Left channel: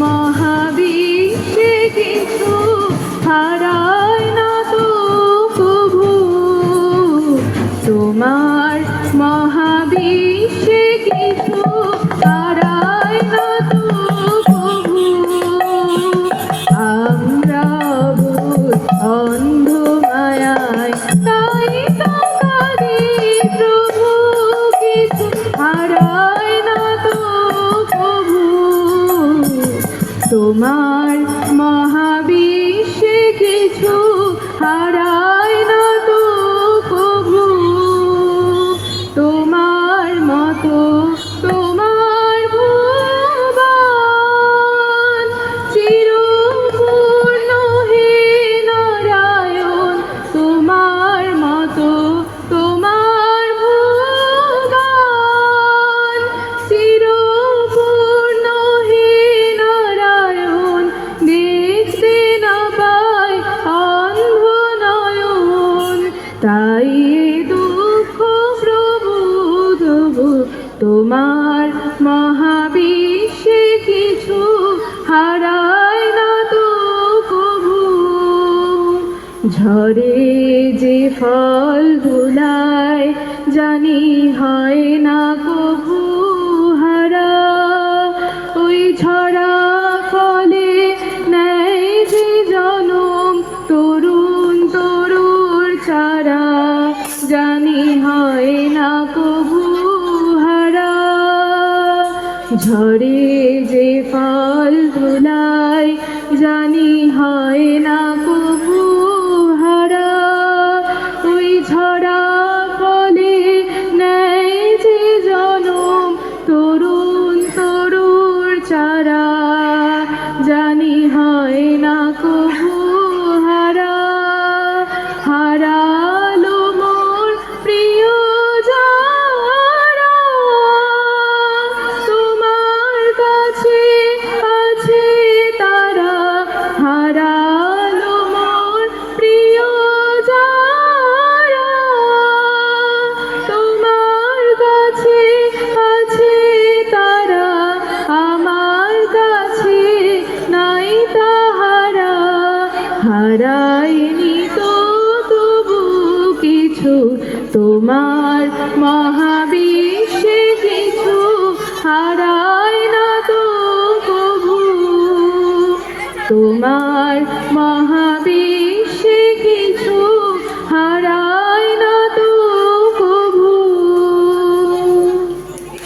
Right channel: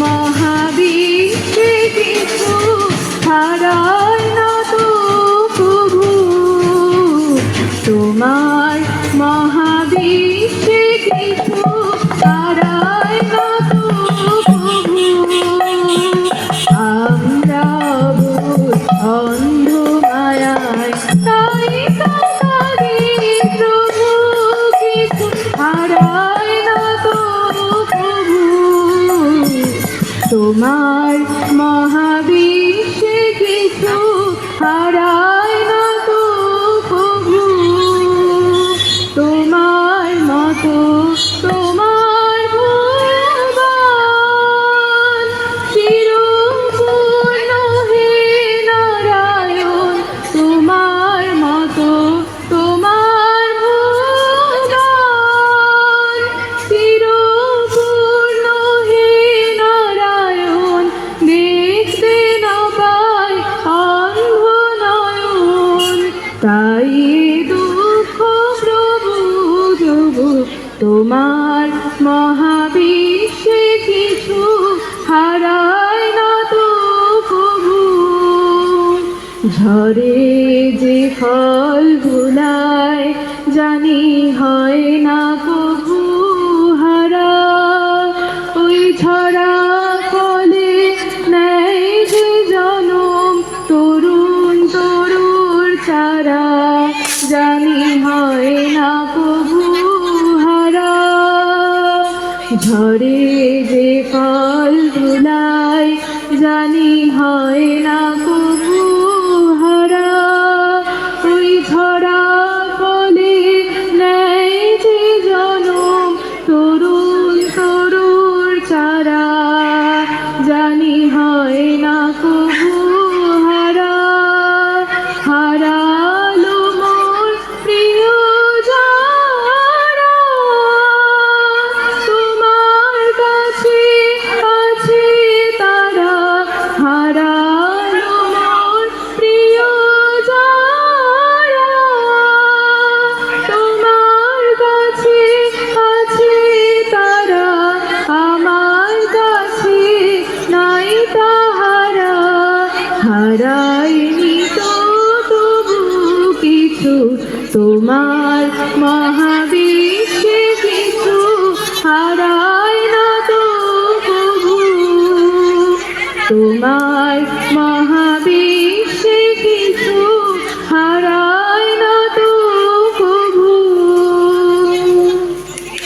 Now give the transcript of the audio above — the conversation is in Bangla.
মহাবিশ্বে কিছু হারায় না তো প্রভু, তোমার মহাবিশ্বে কিছু হারায় না তো প্রভু। আমরা অন্ধ মায়ায় তাই তো কাঁদি প্রভু, কিছু হারায় না তো প্রভু, তোমার মহাবিশ্বে কিছু হারায় না তো প্রভু। তোমার মতো তোমার ভগবান চিরপূর্ণ হে নারায়ণ, তোমার মতো তোমার ভগবান চিরপূর্ণ হে নারায়ণ, দেখতে না পায় অন্ধ নয়ন, তাই দুঃখ প্রভু তবু তোমার মহাবিশ্বে কিছু হারায় না তো প্রভু। ঝরে যে ফল ধুলায় জানি হয় না প্রভু হারা, ওই ঝরা ফলে নেয় যে জনম তরুণ তরুর চারা, জানি হয় না প্রভু হারা। ঝরে যে ফল ধুলায় জানি হয় না প্রভু হারা, ওই ঝরা ফলে নেয় যে জনম তরুণ তরুর চারা, জানি হয় না প্রভু হারা। হারালো মোর প্রিয় যারা, তোমার কাছে আছে তারা, হারালো মোর প্রিয় যারা, তোমার কাছে আছে তারা, আমার কাছে নাই তাহারা। হারায়নি তো তবু কিছু তোমার